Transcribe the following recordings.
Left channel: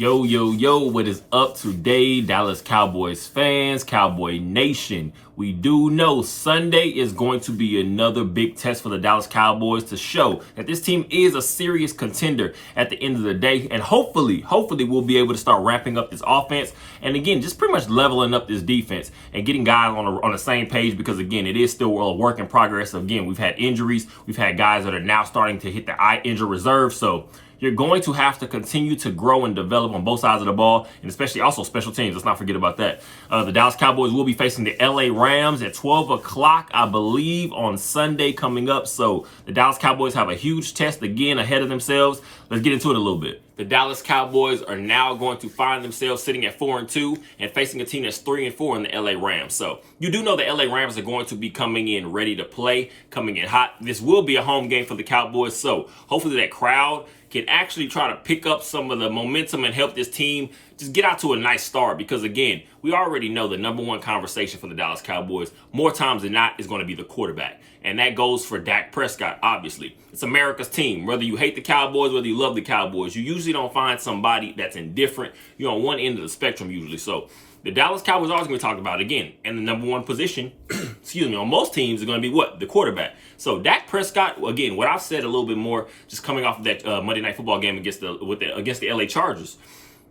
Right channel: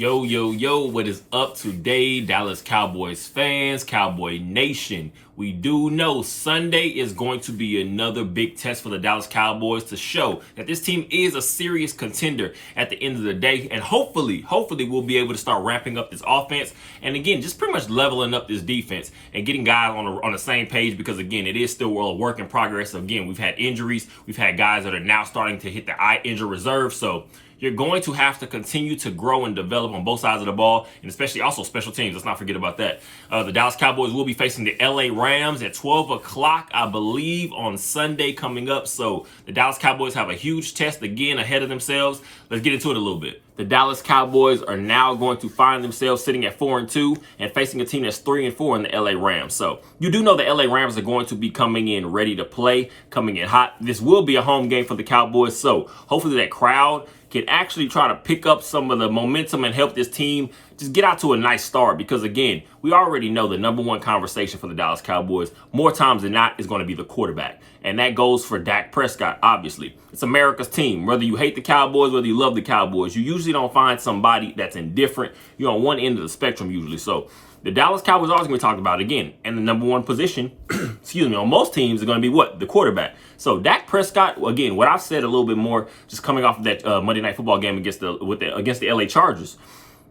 Yo, yo, yo, what is up today, Dallas Cowboys fans, Cowboy Nation? We do know Sunday is going to be another big test for the Dallas Cowboys to show that this team is a serious contender at the end of the day. And hopefully we'll be able to start ramping up this offense. And again, just pretty much leveling up this defense and getting guys on the same page, because again, it is still a work in progress. Again, we've had injuries. We've had guys that are now starting to hit the injury reserve. So you're going to have to continue to grow and develop on both sides of the ball, and especially also special teams. Let's not forget about that. The Dallas Cowboys will be facing the LA Rams at 12 o'clock, I believe, on Sunday coming up. So the Dallas Cowboys have a huge test again ahead of themselves. Let's get into it a little bit. The Dallas Cowboys are now going to find themselves sitting at 4-2 and facing a team that's 3-4 in the LA Rams. So you do know the LA Rams are going to be coming in ready to play, coming in hot. This will be a home game for the Cowboys. So hopefully that crowd can actually try to pick up some of the momentum and help this team just get out to a nice start, because again, we already know the number one conversation for the Dallas Cowboys more times than not is going to be the quarterback. And that goes for Dak Prescott, obviously. It's America's team. Whether you hate the Cowboys, whether you love the Cowboys, you usually don't find somebody that's indifferent. You're on one end of the spectrum usually. So the Dallas Cowboys are always going to be talked about again. And the number one position, on most teams are going to be what? The quarterback. So Dak Prescott, again, what I've said a little bit more, just coming off of that Monday Night Football game against the LA Chargers,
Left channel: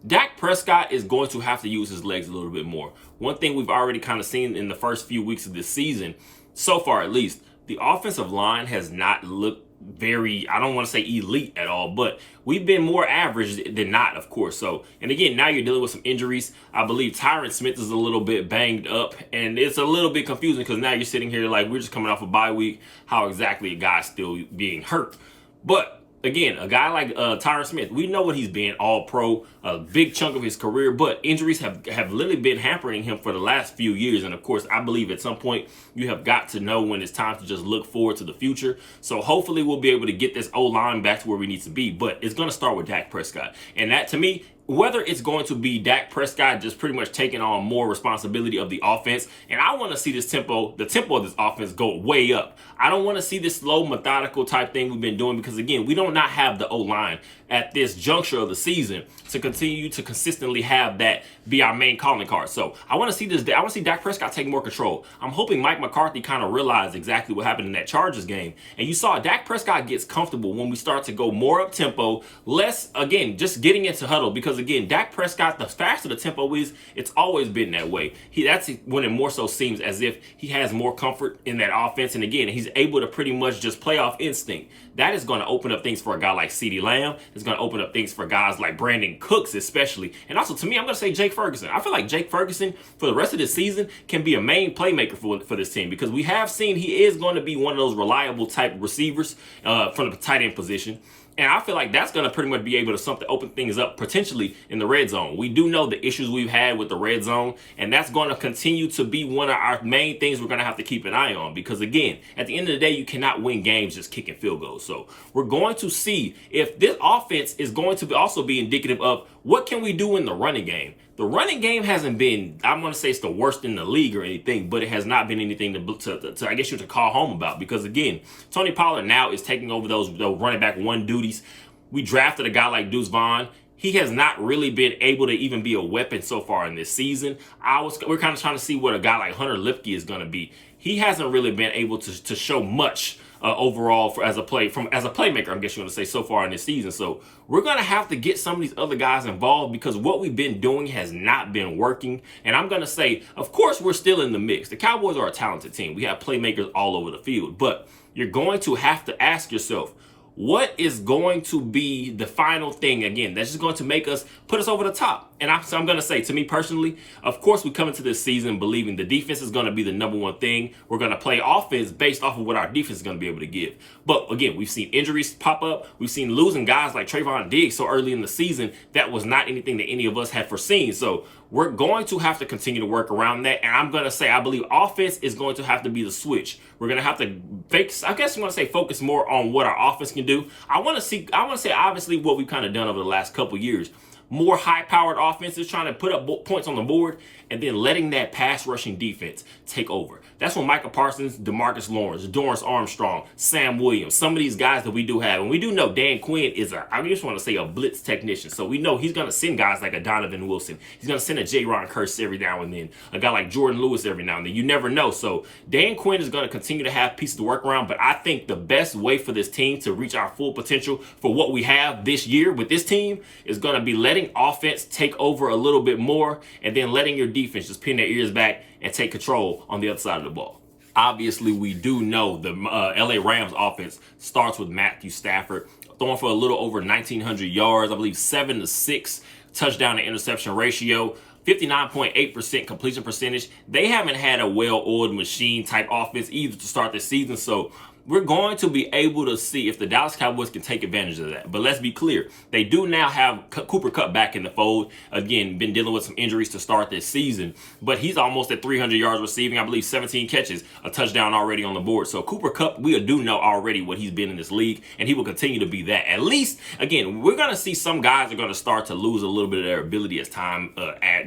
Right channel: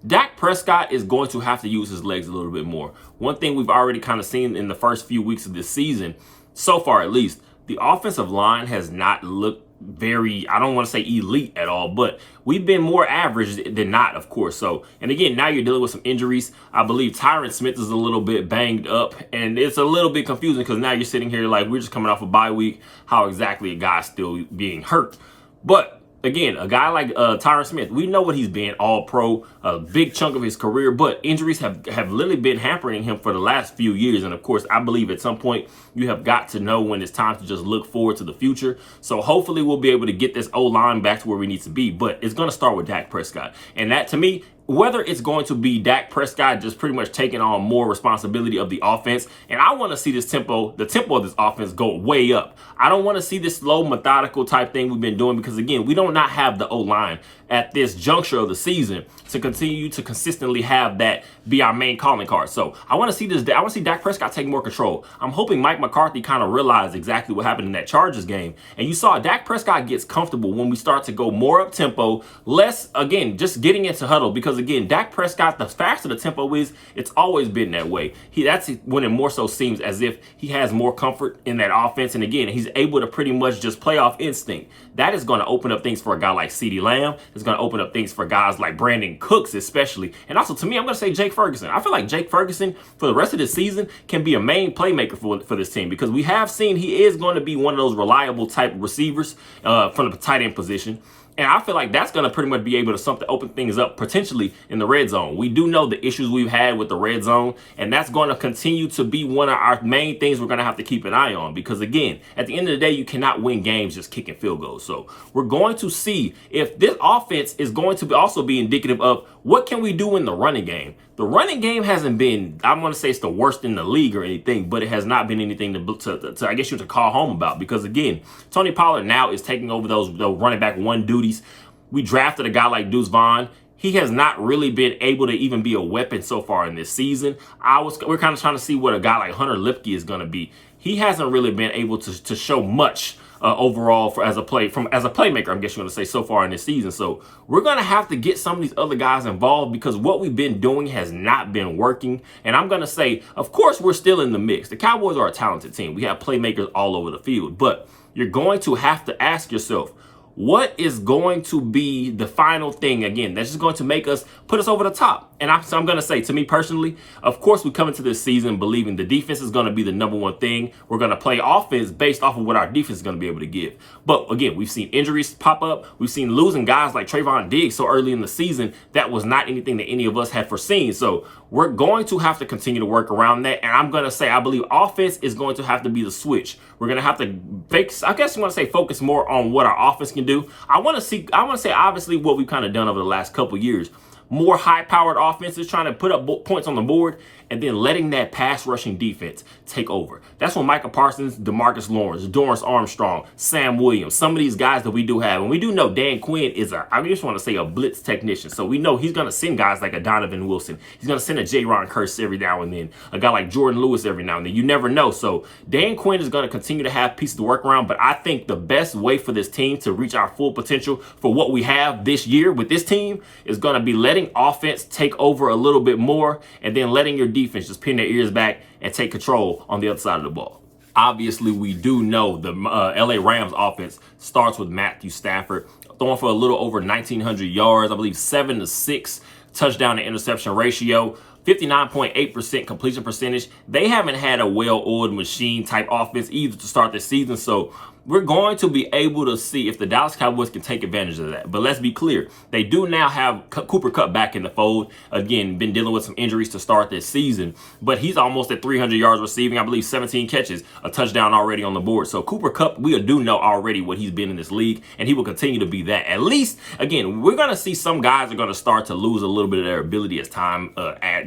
Dak Prescott is going to have to use his legs a little bit more. One thing we've already kind of seen in the first few weeks of this season, so far at least, the offensive line has not looked very, I don't want to say elite at all, but we've been more average than not, of course. So, and again, now you're dealing with some injuries. I believe Tyron Smith is a little bit banged up, and it's a little bit confusing because now you're sitting here like we're just coming off a bye week. How exactly a guy's still being hurt? But again, a guy like Tyron Smith, we know what he's been, all pro, a big chunk of his career, but injuries have literally been hampering him for the last few years. And of course, I believe at some point you have got to know when it's time to just look forward to the future. So hopefully we'll be able to get this O-line back to where we need to be, but it's going to start with Dak Prescott. And that, to me, whether it's going to be Dak Prescott just pretty much taking on more responsibility of the offense, and I want to see the tempo of this offense go way up. I don't want to see this slow, methodical type thing we've been doing, because again, we do not have the O-line at this juncture of the season to continue to consistently have that be our main calling card. So I want to see this. I want to see Dak Prescott take more control. I'm hoping Mike McCarthy kind of realized exactly what happened in that Chargers game. And you saw Dak Prescott gets comfortable when we start to go more up tempo, less, again, just getting into huddle. Because again, Dak Prescott, the faster the tempo is, it's always been that way. That's when it more so seems as if he has more comfort in that offense. And again, he's able to pretty much just play off instinct. That is going to open up things for a guy like CeeDee Lamb. It's going to open up things for guys like Brandon Cooks, especially. And also, to me, I'm going to say Jake Ferguson. I feel like Jake Ferguson, for the rest of this season, can be a main playmaker for this team, because we have seen he is going to be one of those reliable type receivers from the tight end position. And I feel like that's going to pretty much be able to open things up potentially in the red zone. We do know the issues we've had with the red zone, and that's going to continue to be one of our main things we're going to have to keep an eye on, because again, at the end of the day, you cannot win games just kicking field goals. So we're going to see if this offense is going to also be indicative of what can we do in the running game. The running game hasn't been, I'm going to say it's the worst in the league or anything, but it has not been anything to I guess you to call home about, because again, Tony Pollard now is taking over those running back one duties. We drafted a guy like Deuce Vaughn. He has not really been able to even be a weapon so far in this season. We're kind of trying to see what a guy like Hunter Lipke is going to be. He hasn't really been able to show much overall as a playmaker, I guess you're going to say, so far in this season. So we're going to have to get some of these other guys involved, because what we've been doing has not been working. And I'm going to say, of course, we're still in the mix. The Cowboys are a talented team. We have playmakers all over the field, but you're going to have to ask yourself, what is going to be the final thing, again, that's just going to put us over the top? And I'm going to say, to me personally, of course, we come into this season believing the defense is going to be the number one thing. We're going to play offense based off of what our defense is going to be able to give. But again, we've seen injuries pop up. We've seen losing guys like Trayvon Diggs so early in the season. That was not anything that any of us had foreseen. So we're going to have to continue to work around that. And I'm going to say, I believe offense is going to have to be the switch. We're going to have to focus more on what our offense can do. I want to say, obviously, what we've kind of done over the last couple years. More high-powered offenses trying to put up points on the board. and then letting that pass rushing defense take over. That's when Micah Parsons, DeMarcus Lawrence, Dorrance Armstrong, Sam Williams, some of these guys that we do have. And we do know Dan Quinn is I just want to say a blitz technician. So we know he's going to send guys like a Donovan Wilson. He's going to send a J-Ron Kearse every now and then. A guy like Jordan Lewis every now and then. You never know. So Dan Quinn is going to continue to have pieces to work around. But I think the best way for this team to reach our full potential for what we have this year with this team is going to be letting offense take over a little bit more and then letting your defense just pin their ears back and take control on the other side of the ball. Obviously, we do know the LA Rams offense starts with Matthew Stafford throwing for a little over 1,900 yards, I believe 7 to 6 touchdown to interception ratio. 59.8% completion percentage. They haven't had a well-oiled machine type offense either to start the season. So we're going to be able to see if the Dallas Cowboys can take advantage of that. But let's be clear. They do now have Cooper Kupp back in the fold. Again, been dealing with some injuries to start this season. But he's almost at 300 yards receiving. I believe 17 catches, a touchdown already on the board. So Cooper Kupp, we do know already what he's been in this league. And he will continue to be that. At least, again, we're going to see some guys are going to start to lose a little bit of their ability as time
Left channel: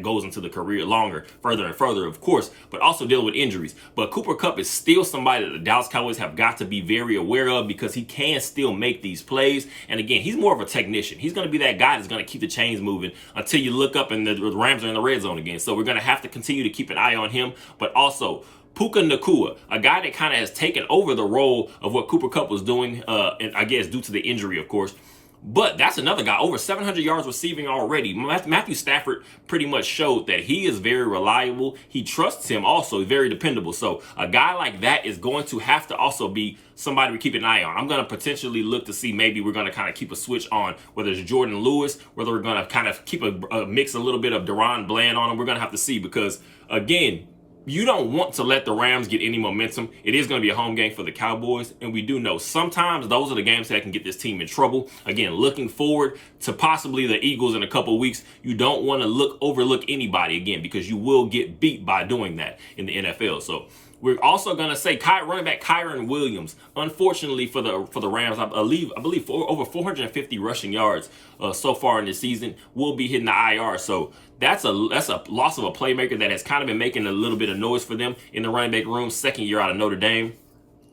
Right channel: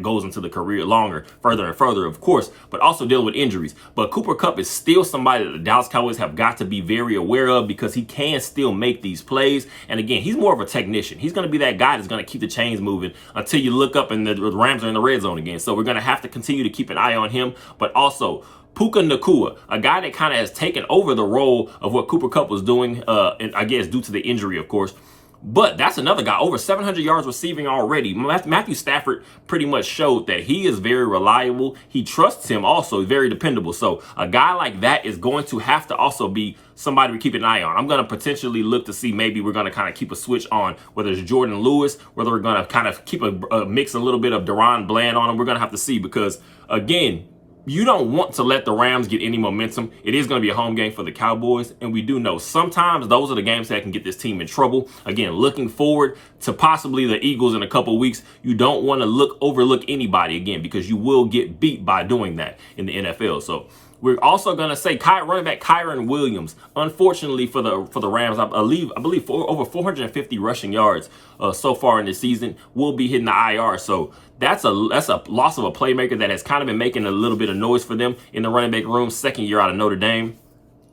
goes into the career longer, further and further, of course, but also dealing with injuries. But Cooper Kupp is still somebody that the Dallas Cowboys have got to be very aware of because he can still make these plays. And again, he's more of a technician. He's going to be that guy that's going to keep the chains moving until you look up and the Rams are in the red zone again. So we're going to have to continue to keep an eye on him, but also Puka Nacua, a guy that kind of has taken over the role of what Cooper Kupp was doing, and I guess due to the injury, of course. But that's another guy, over 700 yards receiving already. Matthew Stafford pretty much showed that he is very reliable. He trusts him also, very dependable. So a guy like that is going to have to also be somebody we keep an eye on. I'm going to potentially look to see maybe we're going to kind of keep a switch on whether it's Jordan Lewis, whether we're going to kind of keep a mix a little bit of Deron Bland on him. We're going to have to see because, again, you don't want to let the Rams get any momentum. It is going to be a home game for the Cowboys, and we do know sometimes those are the games that can get this team in trouble. Again, looking forward to possibly the Eagles in a couple weeks, you don't want to overlook anybody again because you will get beat by doing that in the NFL. So we're also going to say running back Kyren Williams, unfortunately for the Rams, I believe for over 450 rushing yards so far in the season, will be hitting the IR. So that's a loss of a playmaker that has kind of been making a little bit of noise for them in the running back room, second year out of Notre Dame.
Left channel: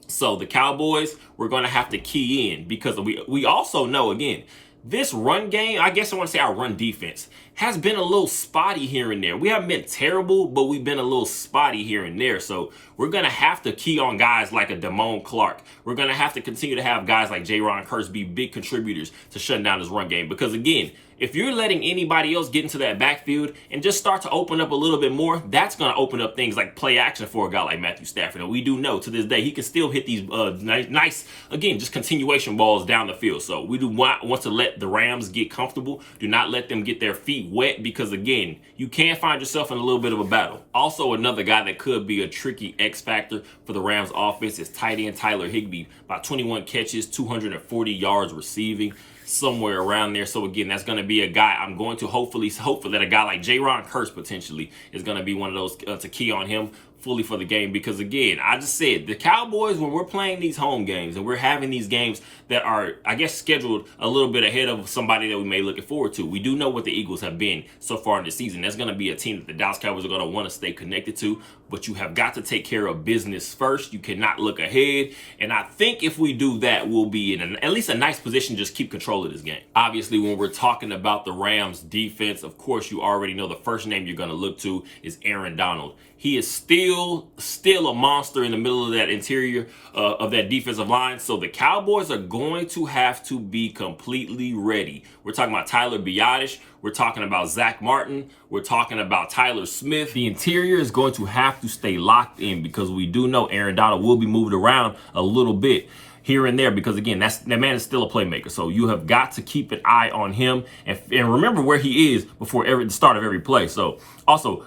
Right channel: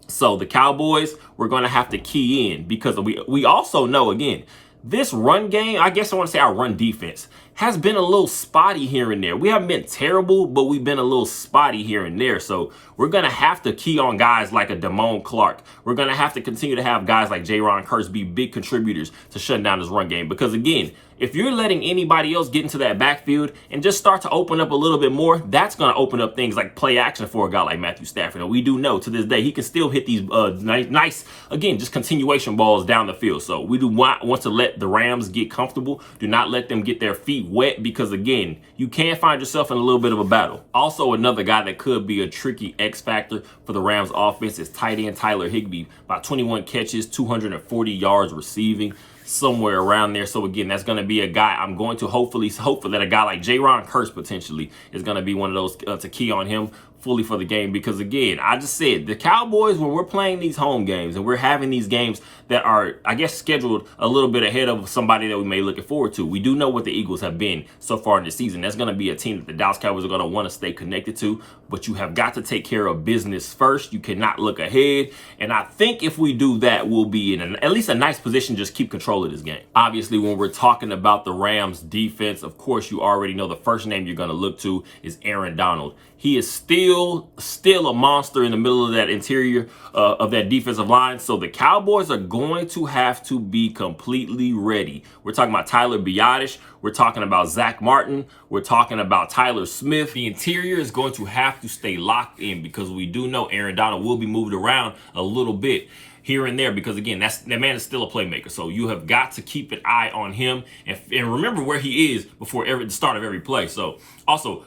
So the Cowboys, we're going to have to key in because we also know, again, this run game, I guess I want to say our run defense, has been a little spotty here and there. We haven't been terrible, but we've been a little spotty here and there. So we're going to have to key on guys like a Damone Clark. We're going to have to continue to have guys like J-Ron Kearse be big contributors to shutting down this run game. Because, again, if you're letting anybody else get into that backfield and just start to open up a little bit more, that's going to open up things like play action for a guy like Matthew Stafford. And we do know to this day he can still hit these nice, again, just continuation balls down the field. So we do want to let the Rams get comfortable. Do not let them get their feet wet because, again, you can find yourself in a little bit of a battle. Also, another guy that could be a tricky X factor for the Rams offense is tight end Tyler Higbee. About 21 catches, 240 yards receiving, somewhere around there. So again, that's going to be a guy I'm going to hopefully that a guy like J-Ron Kearse potentially is going to be one of those to key on him fully for the game. Because again, I just said the Cowboys, when we're playing these home games and we're having these games that are, I guess, scheduled a little bit ahead of somebody that we may be looking forward to. We do know what the Eagles have been so far in the season. That's going to be a team that the Dallas Cowboys are going to want to stay connected to, but you have got to take care of business first. You cannot look ahead. And I think if we do that, we'll be in at least a nice position to just keep control of this game. Obviously, when we're talking about the Rams defense, of course, you already know the first name you're going to look to is Aaron Donald. He is still a monster in the middle of that interior of that defensive line. So the Cowboys are going to have to be completely ready. We're talking about Tyler Biadasz. We're talking about Zach Martin. We're talking about Tyler Smith. The interior is going to have to stay locked in because we do know Aaron Donald will be moved around a little bit here and there because, again, that man is still a playmaker. So you have got to keep an eye on him and remember where he is before the start of every play. So also,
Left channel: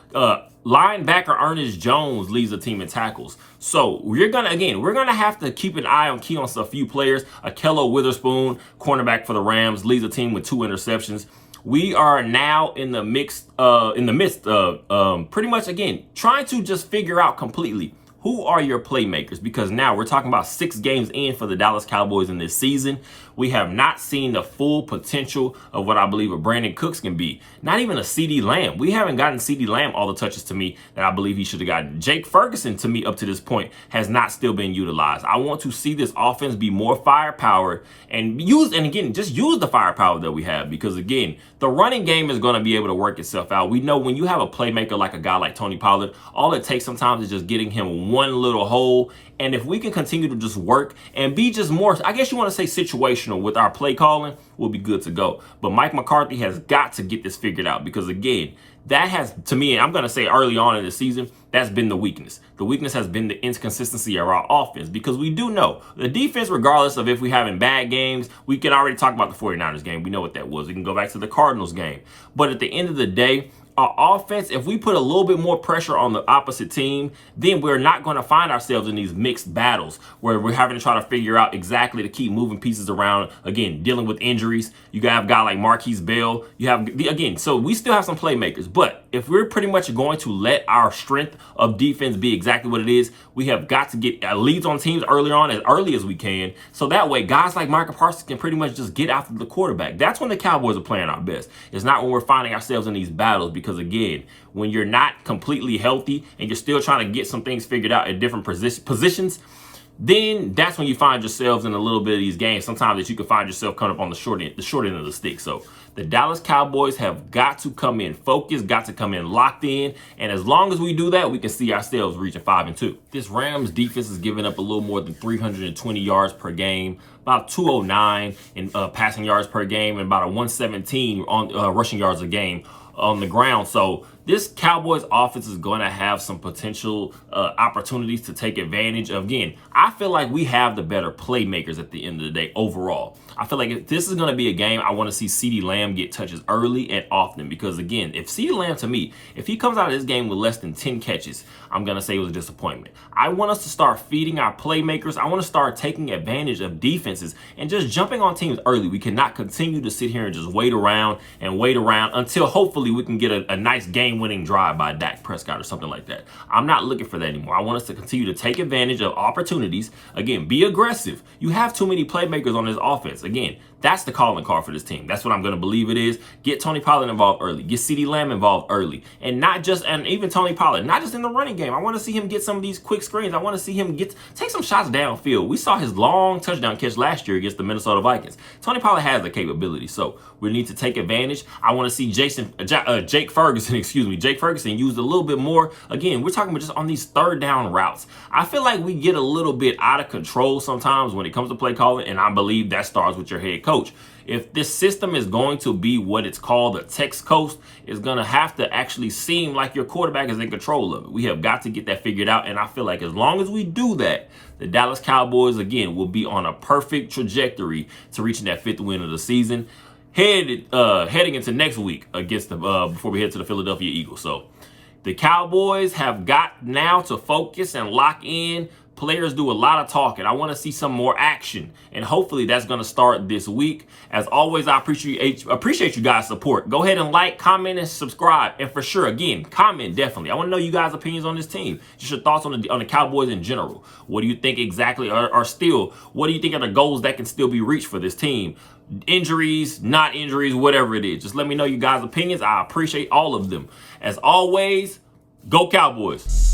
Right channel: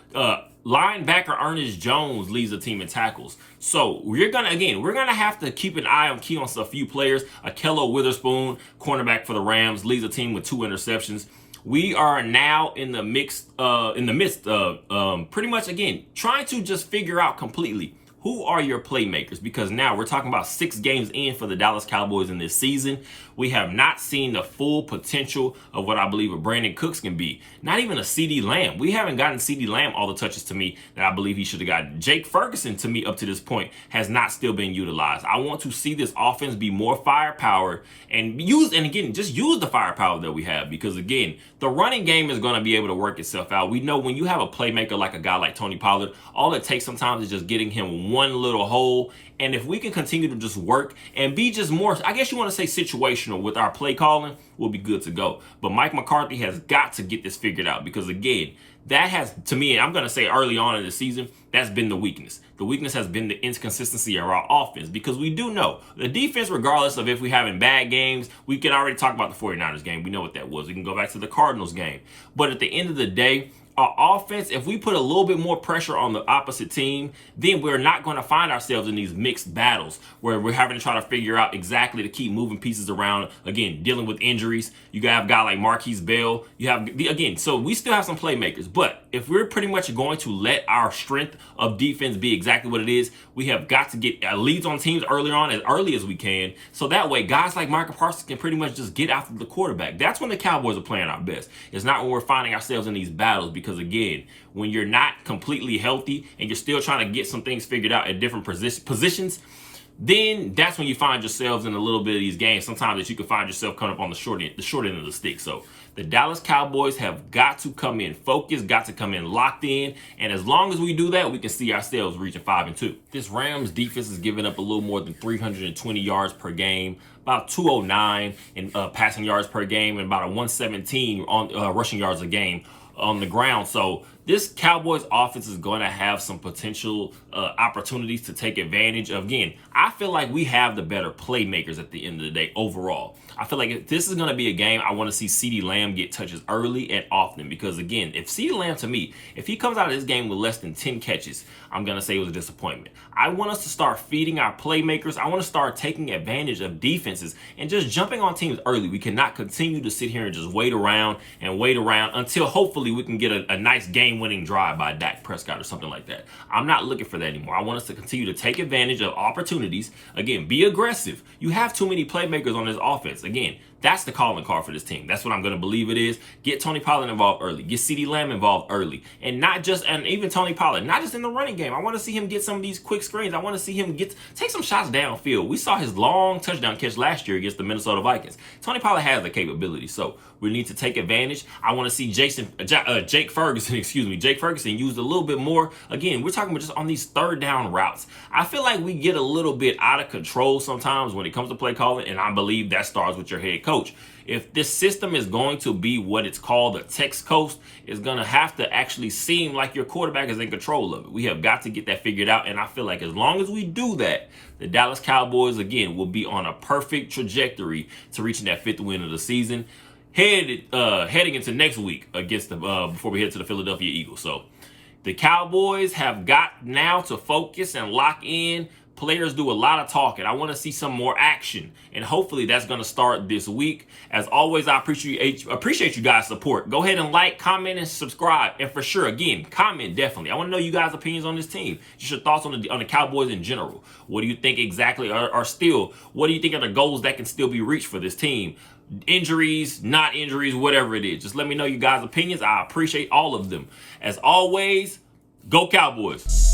linebacker Ernest Jones leads the team in tackles. So we're going to have to keep an eye on a few players. Akello Witherspoon, cornerback for the Rams, leads the team with 2 interceptions. We are now in the midst of pretty much, again, trying to just figure out completely Who are your playmakers? Because now we're talking about 6 games in for the Dallas Cowboys in this season. We have not seen the full potential of what I believe a Brandon Cooks can be. Not even a CeeDee Lamb. We haven't gotten CeeDee Lamb all the touches to me that I believe he should have gotten. Jake Ferguson, to me, up to this point, has not still been utilized. I want to see this offense be more firepower and again, just use the firepower that we have, because again, the running game is going to be able to work itself out. We know when you have a playmaker like a guy like Tony Pollard, all it takes sometimes is just getting him one little hole. And if we can continue to just work and be just more, I guess you want to say situational with our play calling, we'll be good to go. But Mike McCarthy has got to get this figured out, because again, that has, to me, and I'm going to say early on in the season, that's been the weakness. The weakness has been the inconsistency of our offense, because we do know the defense, regardless of if we're having bad games, we can already talk about the 49ers game. We know what that was. We can go back to the Cardinals game. But at the end of the day, our offense, if we put a little bit more pressure on the opposite team, then we're not going to find ourselves in these mixed battles where we're having to try to figure out exactly to keep moving pieces around. Again, dealing with injuries. You have a guy like Marquise Bell. You have, again, so we still have some playmakers. But if we're pretty much going to let our strength of defense be exactly what it is, we have got to get leads on teams early on, as early as we can. So that way, guys like Micah Parsons can pretty much just get after the quarterback. That's when the Cowboys are playing our best. It's not when we're finding ourselves in these battles, because again, when you're not completely healthy and you're still trying to get some things figured out at different positions, then that's when you find yourselves in a little bit of these games. Sometimes that you can find yourself coming up on the short end of the stick. So the Dallas Cowboys have got to come in focused, got to come in locked in. And as long as we do that, we can see ourselves reaching 5-2. This Rams defense is giving up a little more than 320 yards per game, about 209 in passing yards per game, and about a 117 on rushing yards a game on the ground. So this Cowboys offense is going to have some potential opportunities to take advantage of. Again, I feel like we have the better playmakers at the end of the day overall. I feel like if this is going to be a game, I want to see CeeDee Lamb get touches early and often, because again, if CeeDee Lamb, to me, if he comes out of this game with less than 10 catches, I'm going to say it was a disappointment. I want us to start feeding our playmakers. I want to start taking advantage of defenses and just jumping on teams early. We cannot continue to sit here and just wait around until hopefully we can get a nice game-winning drive by Dak Prescott or something like that. I'm not looking for that anymore. I want us to continue to take advantage of opportunities. Again, be aggressive. You have too many playmakers on this offense. Again, that's the calling card for this team. That's what I'm going to believe it is. Get Tony Pollard involved early. Get CeeDee Lamb involved early. And even Tony Pollard, not just in the running game. I want to see him get some of these quick screens. I want to see him take some shots downfield. We saw his long touchdown catch last year against the Minnesota Vikings. Tony Pollard has the capability, so we need to take advantage. I want to see Jake Ferguson used a little bit more. Again, we're talking about just on these third down routes. I feel like we get a little bit out of control sometimes when it comes to play calling, and I believe that starts with your head coach. If this system is going to be what it's called a Tex Coast, it's going to have to actually seem like your quarterback is in control of it. We have got to get that figured out, and I feel like as long as we do that, the Dallas Cowboys, again, will be on a perfect trajectory to reaching that 5th win of the season, heading into next week against before we head to the Philadelphia Eagles. So the Cowboys have got now to focus and lock in. Players do a lot of talking. I want to see some more action, and hopefully that's going to start this week. As always, I appreciate you guys' support. Go ahead and like, comment, and subscribe. And for sure, again, comment definitely. I want to know you guys' opinions on this team. Just your thoughts on the Cowboys in general. What do you think exactly what do you think are the goals that can still be reached for this team? Injuries, not injuries, whatever it is. Just let me know you guys' opinions. I appreciate all of them. As always, go Cowboys.